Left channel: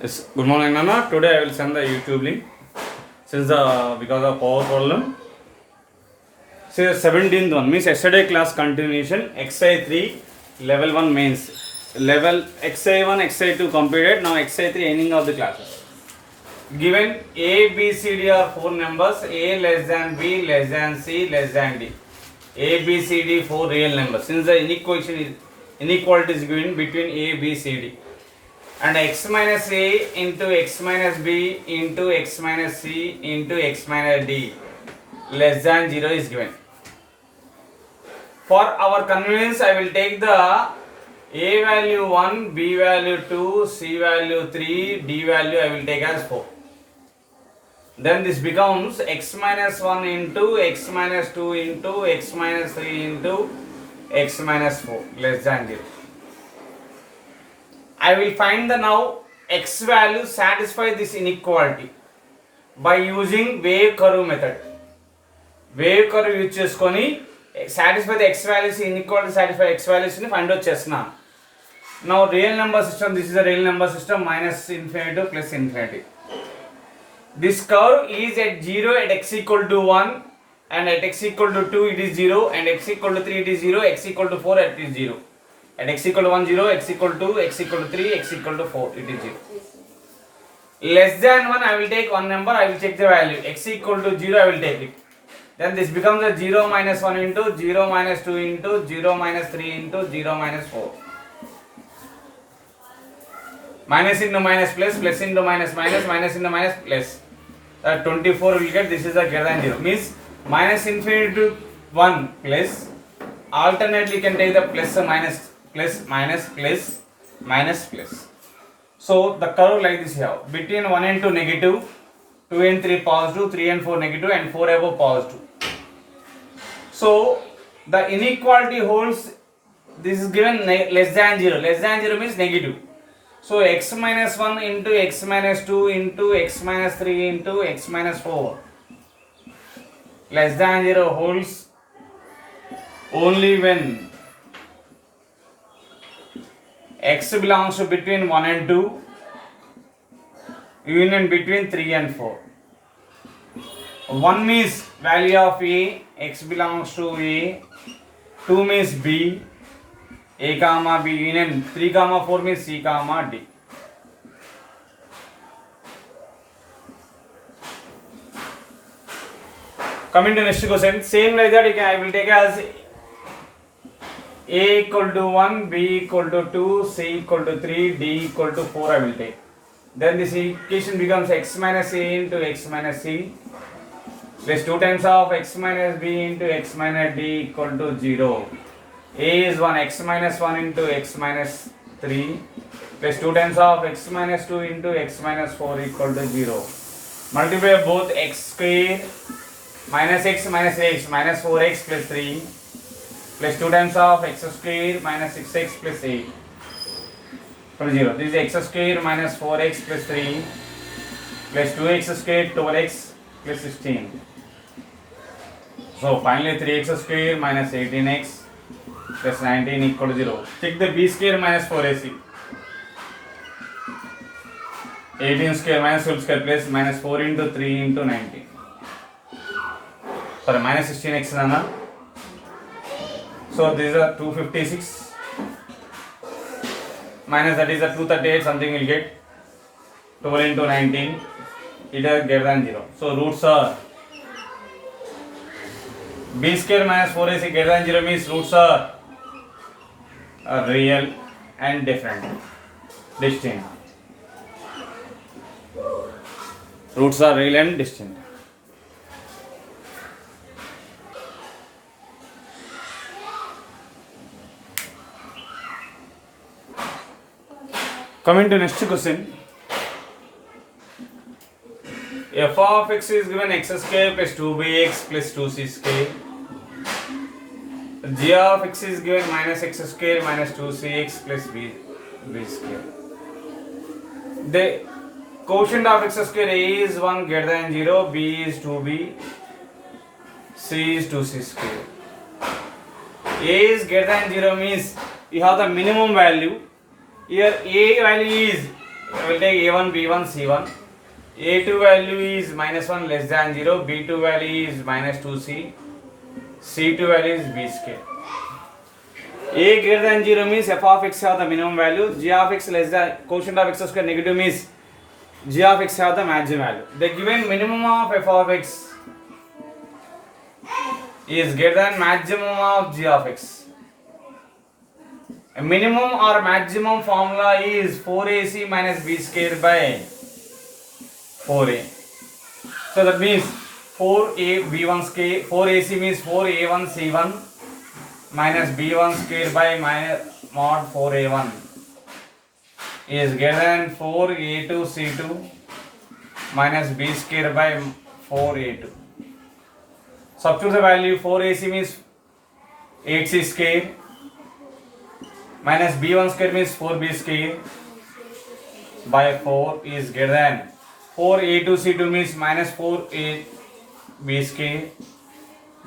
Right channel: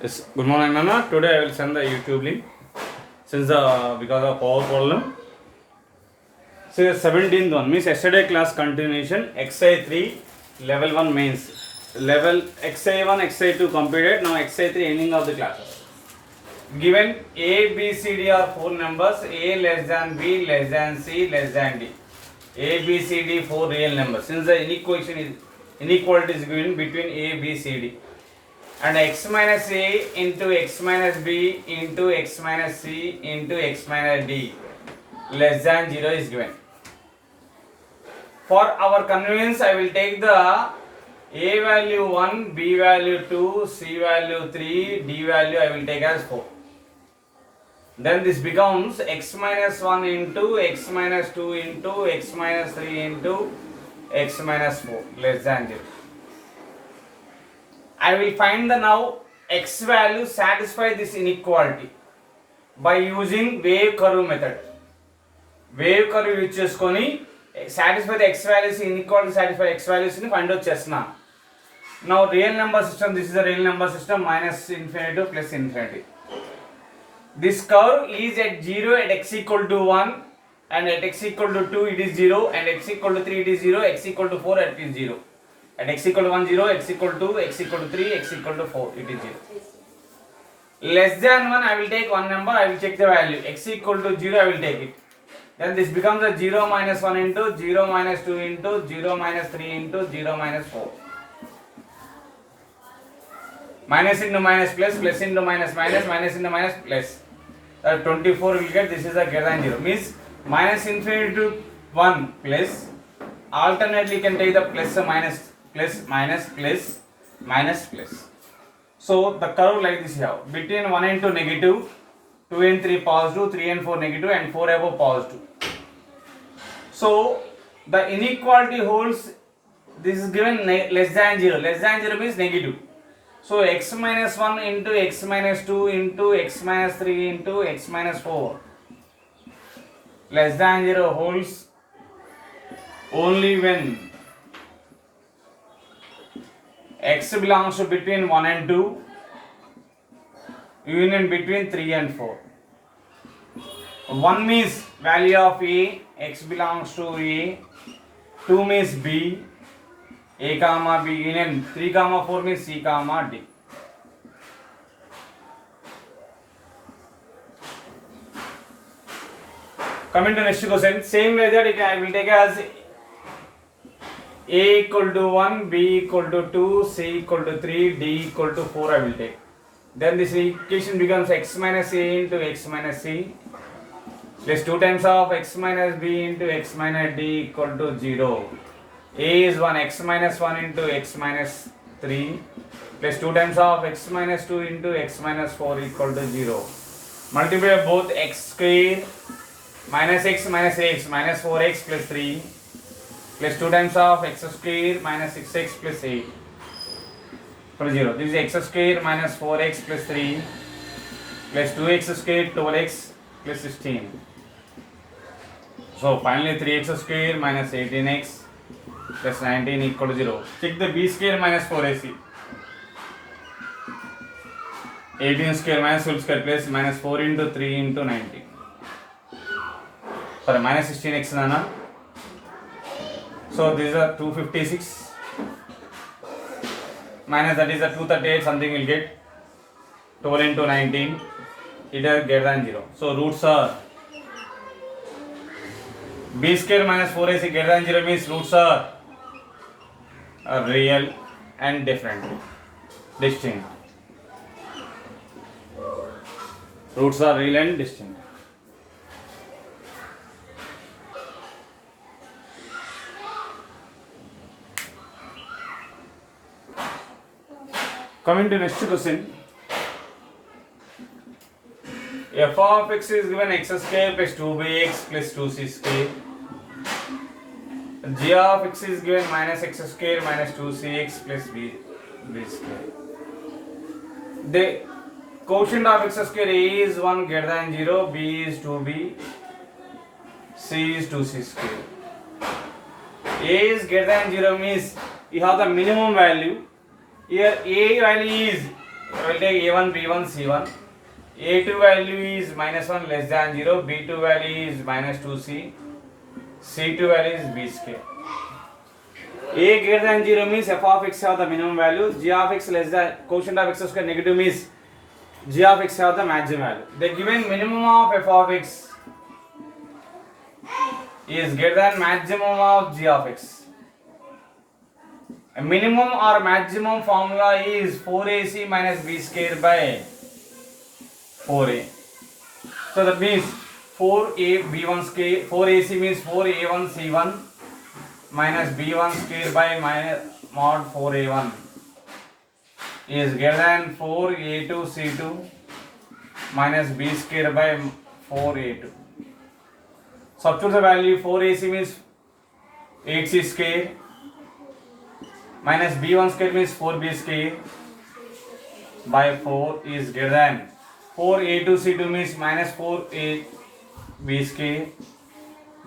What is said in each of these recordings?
Yes, good morning, Nana. Today I will send the YouTube link since because of power problem. So 17th one means yesterday class continuation. XI 3 level 1 mains. Level XI 1 XI 2 completed. Now XI 3 ending of the classes. Given A, B, C, D are 4 numbers. A less than B less than C less than D. A, B, C, D 4 real numbers. Since the inequality is given between A, B, C, D. And x minus a into x minus b into x minus c into x minus d less than 0 is given. For our convenience, I will take the a value 1, b value 2, c value 3, d value I will take as 4. Then this becomes x minus 1 into x minus 2 into x minus 3 into x minus 4 less than 0. I will find the now x value satisfy this inequality by using wave curve method. Wave curve use cheskoni satisfy the x values inequality satisfy x values ni find out chesna. Now real number system, this is a real number system, minus infinity to plus infinity. This curve is at 0 at x equal to 1 and at x equal to 2 it is 0 and x equal to 3 it is 0, x equal to 4 it is 0. At x equal to 1, 0, x equal to 2, x equal to 3, x equal to 4, it is 0. Less than 1, I will take one number, I will check the value. X equal to 0, I will take it. Then this becomes a 0 minus 1 into 0 minus 2 into 0 minus 3 into 0 minus 4. Minus into minus plus, plus into minus minus, minus into minus plus. 24 will get, this is a greater than 0. Means minus infinity to 1 plus. Alternately you can take the plus minus. Plus minus plus minus plus. So the curve like this here between 1 and 2 negative, 2 and 3 positive, 3 and 4 negative and 4 above positive. So the inequality holds, this is given less than 0. Less than 0 means negative. So x minus 1 into x minus 2 into x minus 3 into x minus 4 less than 0 holds only when x belongs to between 1 and 2, union between 3 and 4. 1 means value of A, x belongs to A, 2 means B, A comma B union, 3 comma 4 means C comma D. Coming to next question, same like that I will take as A equal to 1, B equal to 2, C equal to 3, D equal to 4 I will take. Then this equation becomes x minus A into x minus C plus 2 times of x minus B into x minus D equal to 0. A is 1, x minus 1 into x minus 3 plus 2 times of x minus 2 into x minus 4 equal to 0. Multiply both x square minus x minus x minus 4x plus 3 plus 2 times of x square minus 6x plus 8 equal to 0. This is x square minus 4x plus 3 plus 2x square 12x plus 16. So finally 3x square minus 18x plus 19 equal to 0. Check the b square minus 4ac. 18 square minus 12 square plus minus 4 into 3 into 19. Sorry, minus 16x nana. So this is a 256 minus that is a 238 something will get 12 into 19, it is greater than 0. So roots are b square minus 4ac greater than 0 means roots are real and different, distinct. Roots are real and distinct. Coming to next question, f of x is given x square plus 2bx plus 2c square. G of x is given minus x square minus 2cx plus b square. The quotient of x square a is 1 greater than 0, b is 2b, c is 2c square. A is greater than 0 means you have the minimum value. Here A value is will take A1, B1, C1. A2 value is -1 less than 0, B2 value is -2C, C2 value is B square. A greater than 0 means f of x have the minimum value, g of x less than quotient of x square negative means g of x have the maximum value. The given minimum of f of x is greater than maximum of g of x. A minimum or maximum formula is 4ac minus b square by 4a. So that means 4a b1 square, 4ac means 4a1 c1 minus b1 square by minus mod 4a1 is greater than 4a2 c2 minus b square by 4a2. Substitute the value. 4ac means 8c square minus b1 square means 4b square by 4 is greater than 4a2 c2 means minus 4ab square,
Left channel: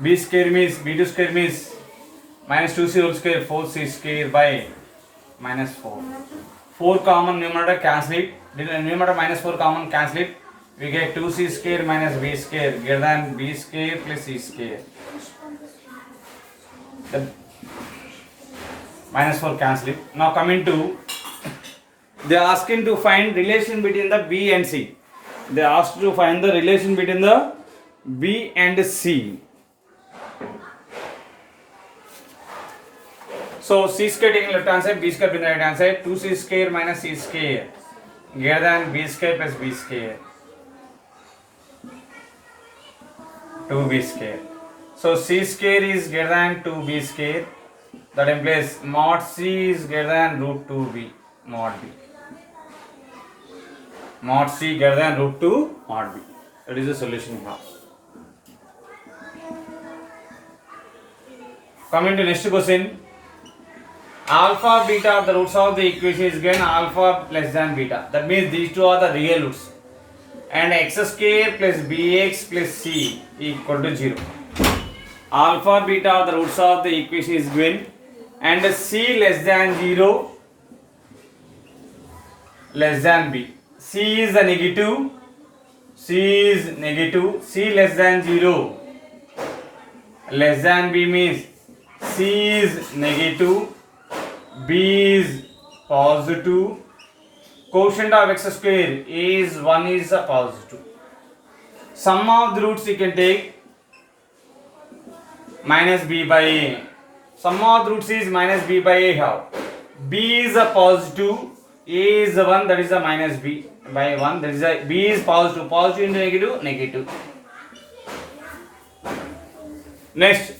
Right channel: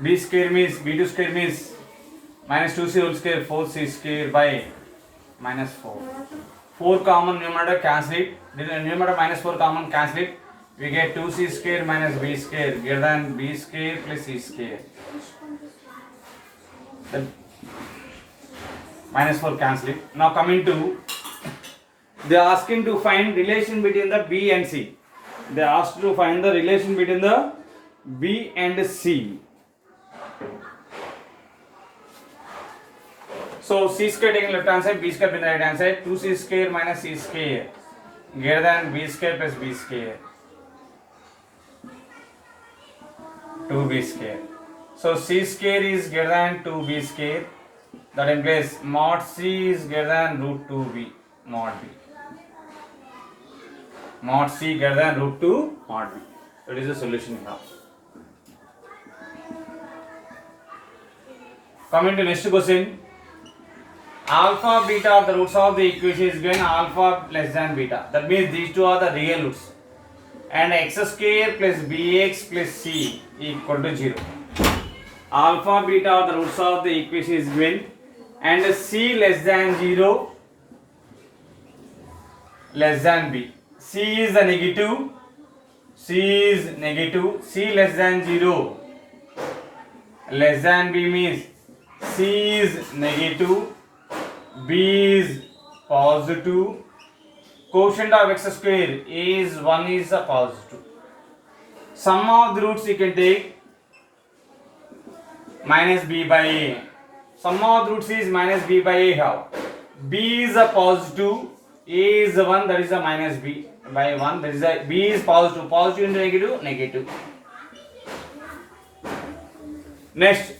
b square means b2 square means minus 2c whole square, 4c square by minus 4. 4 common numerator cancel it. Numerator minus 4 common cancel it. We get 2c square minus b square greater than b square plus c square. Then minus 4 cancel it. Now coming to, they are asking to find relation between the b and c. They are asked to find the relation between the b and c. So c square taking left hand side, b square in the right hand side, 2c square minus c square greater than b square plus b square, 2b square. So c square is greater than 2b square. That implies mod c is greater than root 2b mod b. Mod c greater than root 2 mod b. That is the solution here. Coming to next question. Alpha beta are the roots of the equation is given alpha less than beta. That means these two are the real roots. And x square plus bx plus c equal to 0. Alpha beta are the roots of the equation is given and c less than 0 less than b. C is the negative. C is negative. C less than 0 less than b means c is negative, b is positive, quotient of x square is 1 is a positive. Sum of the roots you can take minus b by a. Sum of the roots is minus b by a. How? B is a positive, a is a 1, that is a minus b by 1, that is a b is positive, positive into negative, negative. Next,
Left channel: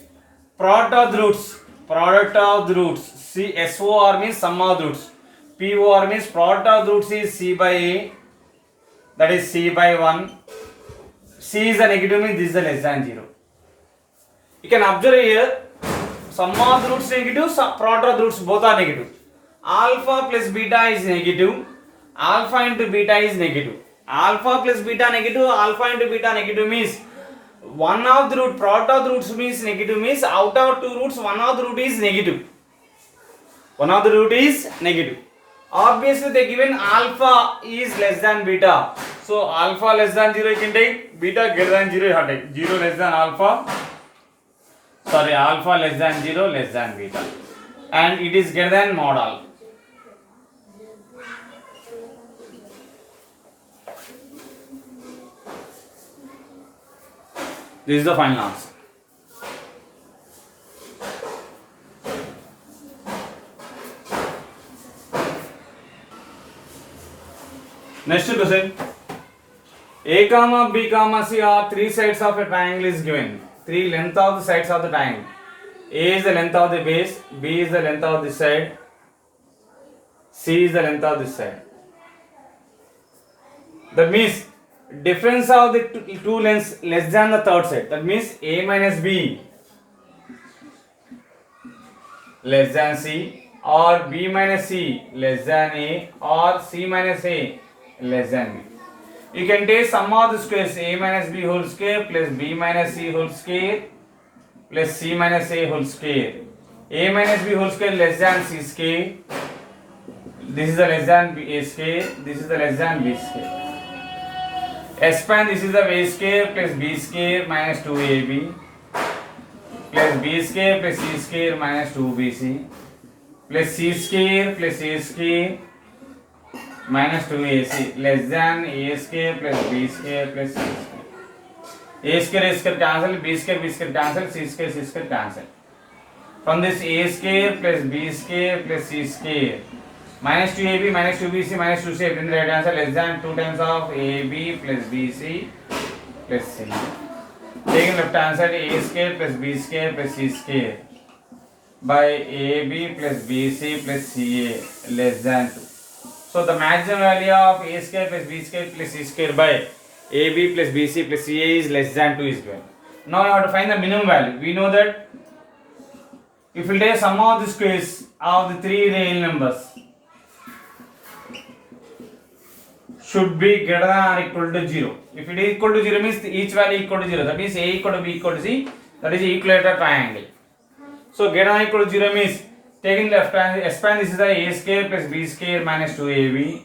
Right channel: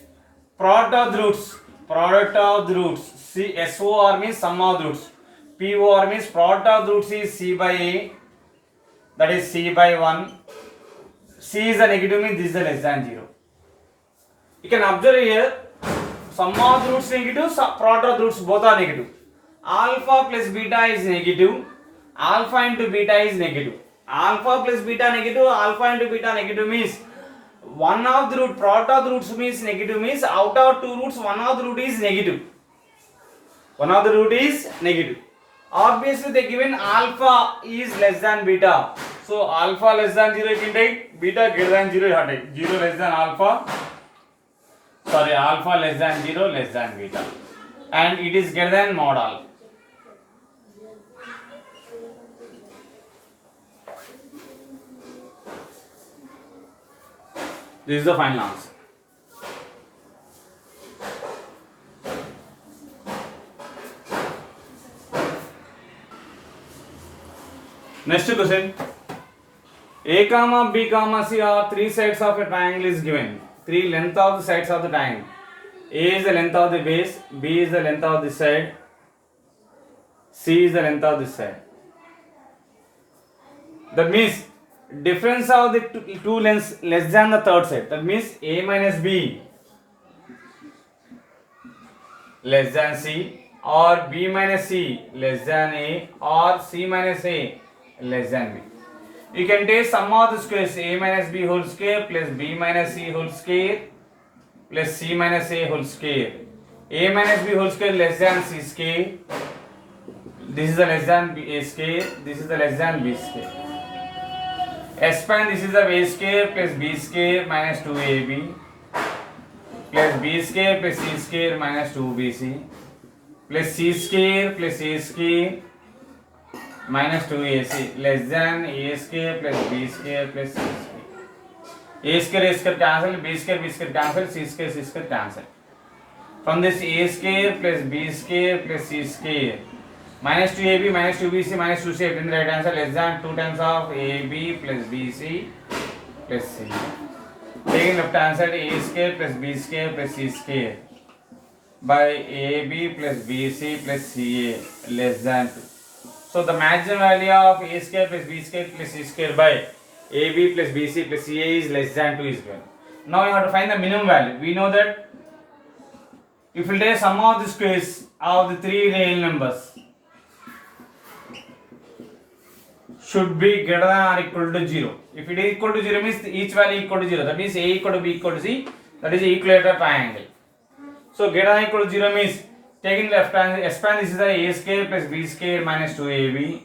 product of the roots. Product of the roots. C SOR means sum of the roots. POR means product of the roots is c by a, that is c by 1. C is a negative means this is a less than 0. You can observe here, sum of the roots negative, product of the roots both are negative. Alpha plus beta is negative. Alpha into beta is negative. Alpha plus beta negative. Alpha into beta negative means one of the root, product of the roots means negative means out of two roots one of the root is negative. One of the root is negative. Obviously they given alpha is less than beta. So alpha less than 0 you can take, beta greater than 0 you have to take. 0 less than alpha. Sorry, alpha less than 0 less than beta. And it is greater than mod alpha. This is the final answer. Next question. A comma B comma C are three sides of a triangle is given. Three length of the sides of the triangle. A is the length of the base, B is the length of this side, C is the length of this side. That means difference of the two lengths less than the third side. That means A minus B less than C, or B minus C less than A, or C minus A less than B. You can take sum of the squares A minus B whole square plus B minus C whole square plus C minus A whole square. A minus B whole square less than C square This is the less than a square. This is the less than b square. S prime, this is the a square plus b square minus 2ab plus b square plus c square minus 2bc plus c square plus a square minus 2ac less than a square plus b square plus c square. A square cancel, b square cancel, c square cancel. From this a square plus b square plus c square minus 2ab minus 2bc minus 2c, in the right answer less than 2 times of ab plus bc plus c. Taking left hand side a square plus b square plus c square by ab plus bc plus ca less than 2. So the maximum value of a square plus b square plus c square by ab plus bc plus ca is less than 2 is given. Now you have to find the minimum value. We know that if we take sum of the squares of the three real numbers should be greater than or equal to 0. If it is equal to 0 means each value equal to 0. That means a equal to b equal to c. That is equilateral triangle. So greater than or equal to 0 means taking left hand s prime, this is the a square plus b square minus 2ab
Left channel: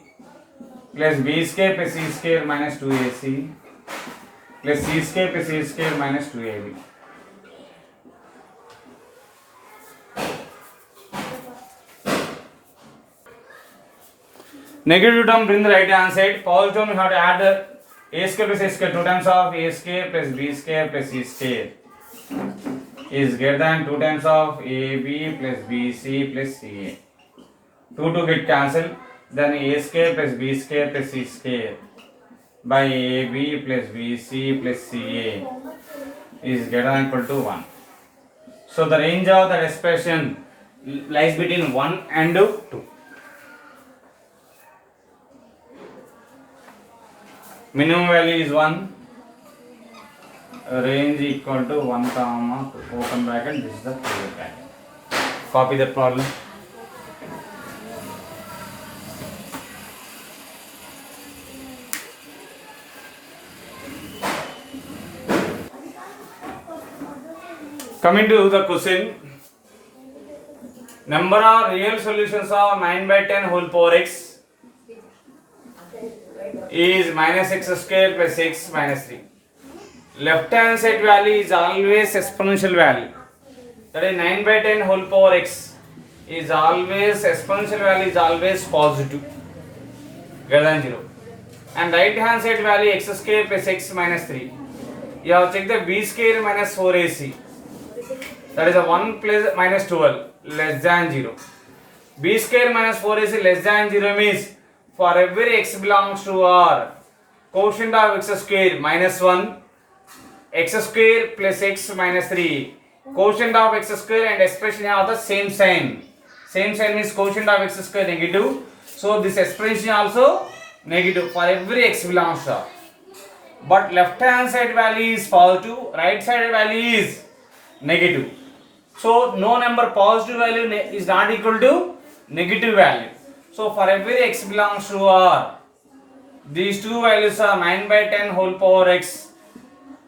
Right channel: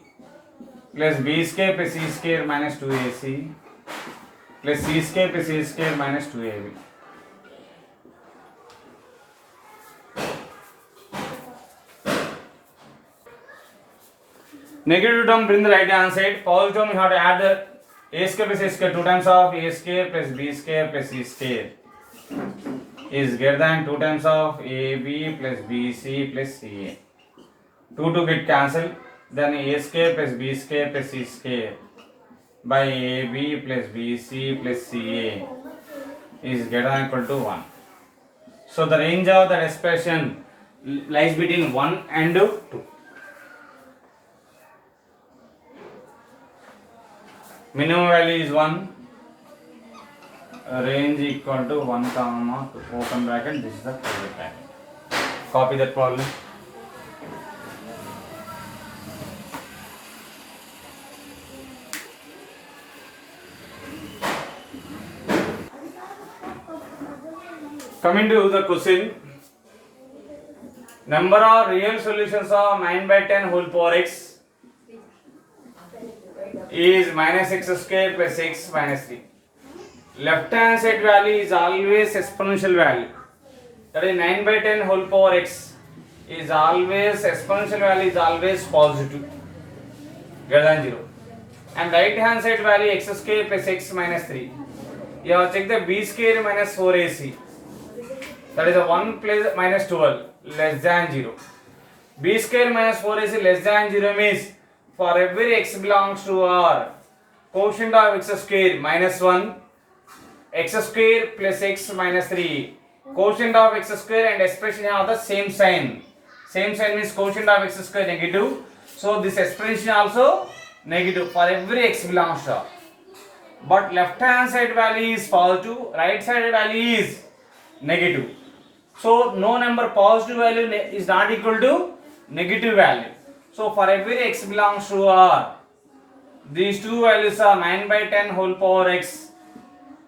plus b square plus c square minus 2ac plus c square plus a square minus 2ab. Negative term bring the right hand side. Positive term you have to add a square plus a square 2 times of a square plus b square plus c square is greater than 2 times of ab plus bc plus ca. 2 get cancelled. Then a square plus b square plus c square by ab plus bc plus ca is greater than equal to 1. So the range of the expression lies between 1 and 2. Minimum value is 1, range equal to 1 comma 2, open bracket, this is the closed bracket. Copy that problem. Coming to the question, number of real solutions of 9 by 10 whole power x is minus x square plus x minus 3. Left hand side value is always exponential value. That is 9 by 10 whole power x is always exponential value is always positive, greater than 0. And right hand side value x square plus x minus 3. You have to check the b square minus 4ac. That is a 1 plus minus 12 less than 0. B square minus 4ac less than 0 means for every x belongs to R, quotient of x square minus 1, x square plus x minus 3, quotient of x square and expression have the same sign. Same sign means quotient of x square negative. So this expression also negative for every x belongs to R. But left hand side value is positive, right side value is negative. So no number positive value is not equal to negative value. So for every x belongs to R, these two values are 9 by 10 whole power x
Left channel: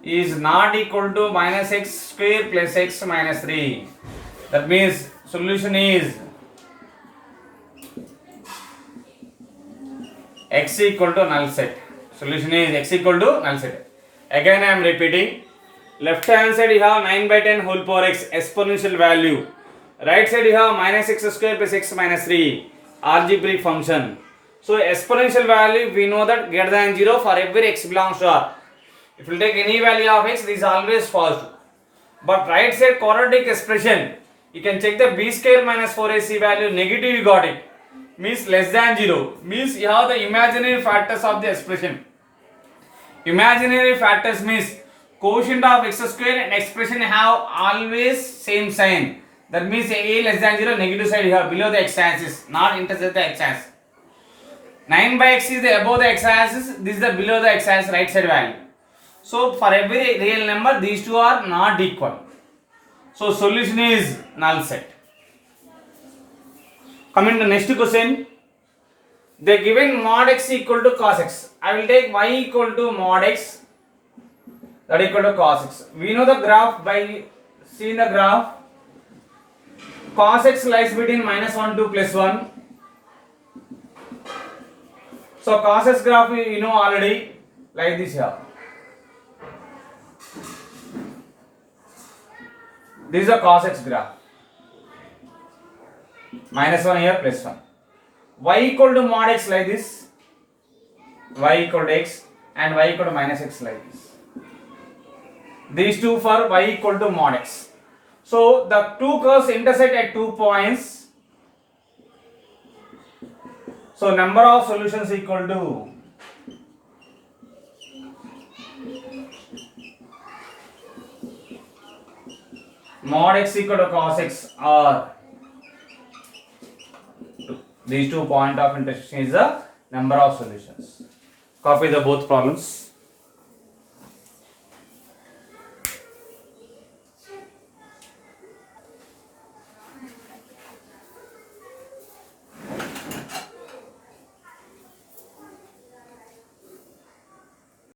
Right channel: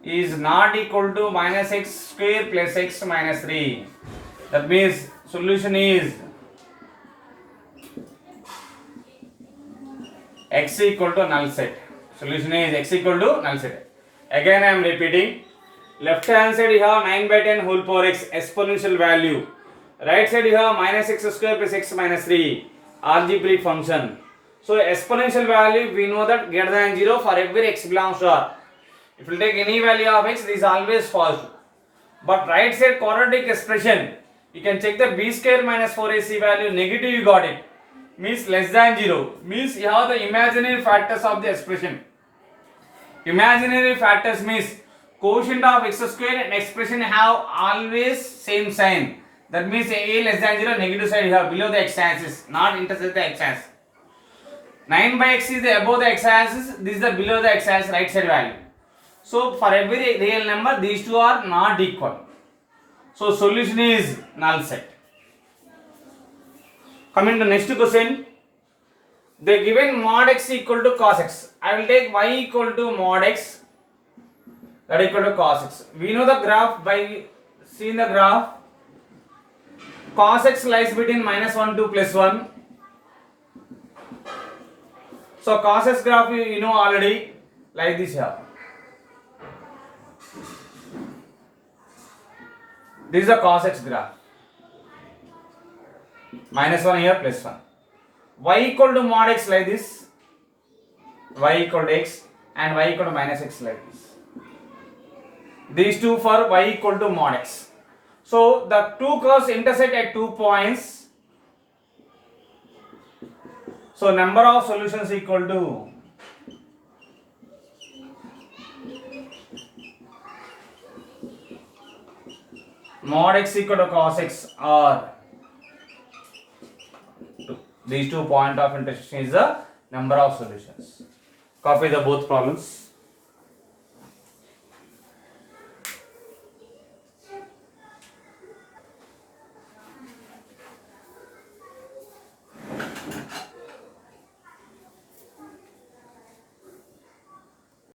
is not equal to minus x square plus x minus 3. That means solution is x equal to null set. Solution is x equal to null set. Again I am repeating. Left hand side you have 9 by 10 whole power x exponential value. Right side you have minus x square plus x minus 3 algebraic function. So exponential value we know that greater than 0 for every x belongs to R. If you take any value of x, this is always positive. But right side quadratic expression, you can check the b square minus 4ac value negative, you got it. Means less than 0. Means you have the imaginary factors of the expression. Imaginary factors means quotient of x square and expression have always same sign. That means a less than 0, negative side you have below the x-axis, not intersect the x-axis. 9 by x is the above the x-axis, this is the below the x-axis right side value. So for every real number, these two are not equal. So solution is null set. Coming to next question, they given mod x equal to cos x. I will take y equal to mod x, that equal to cos x. We know the graph by seeing the graph. Cos x lies between minus 1 to plus 1. So cos x graph you know already, like this here. This is a cos x graph. -1 here, +1. Y equal to mod x like this. Y equal to x and y equal to -x like this. These two for y equal to mod x. So the two curves intersect at 2 points. So number of solutions equal to mod x equal to cos x, or these 2 point of intersection is the number of solutions. Copy the both problems.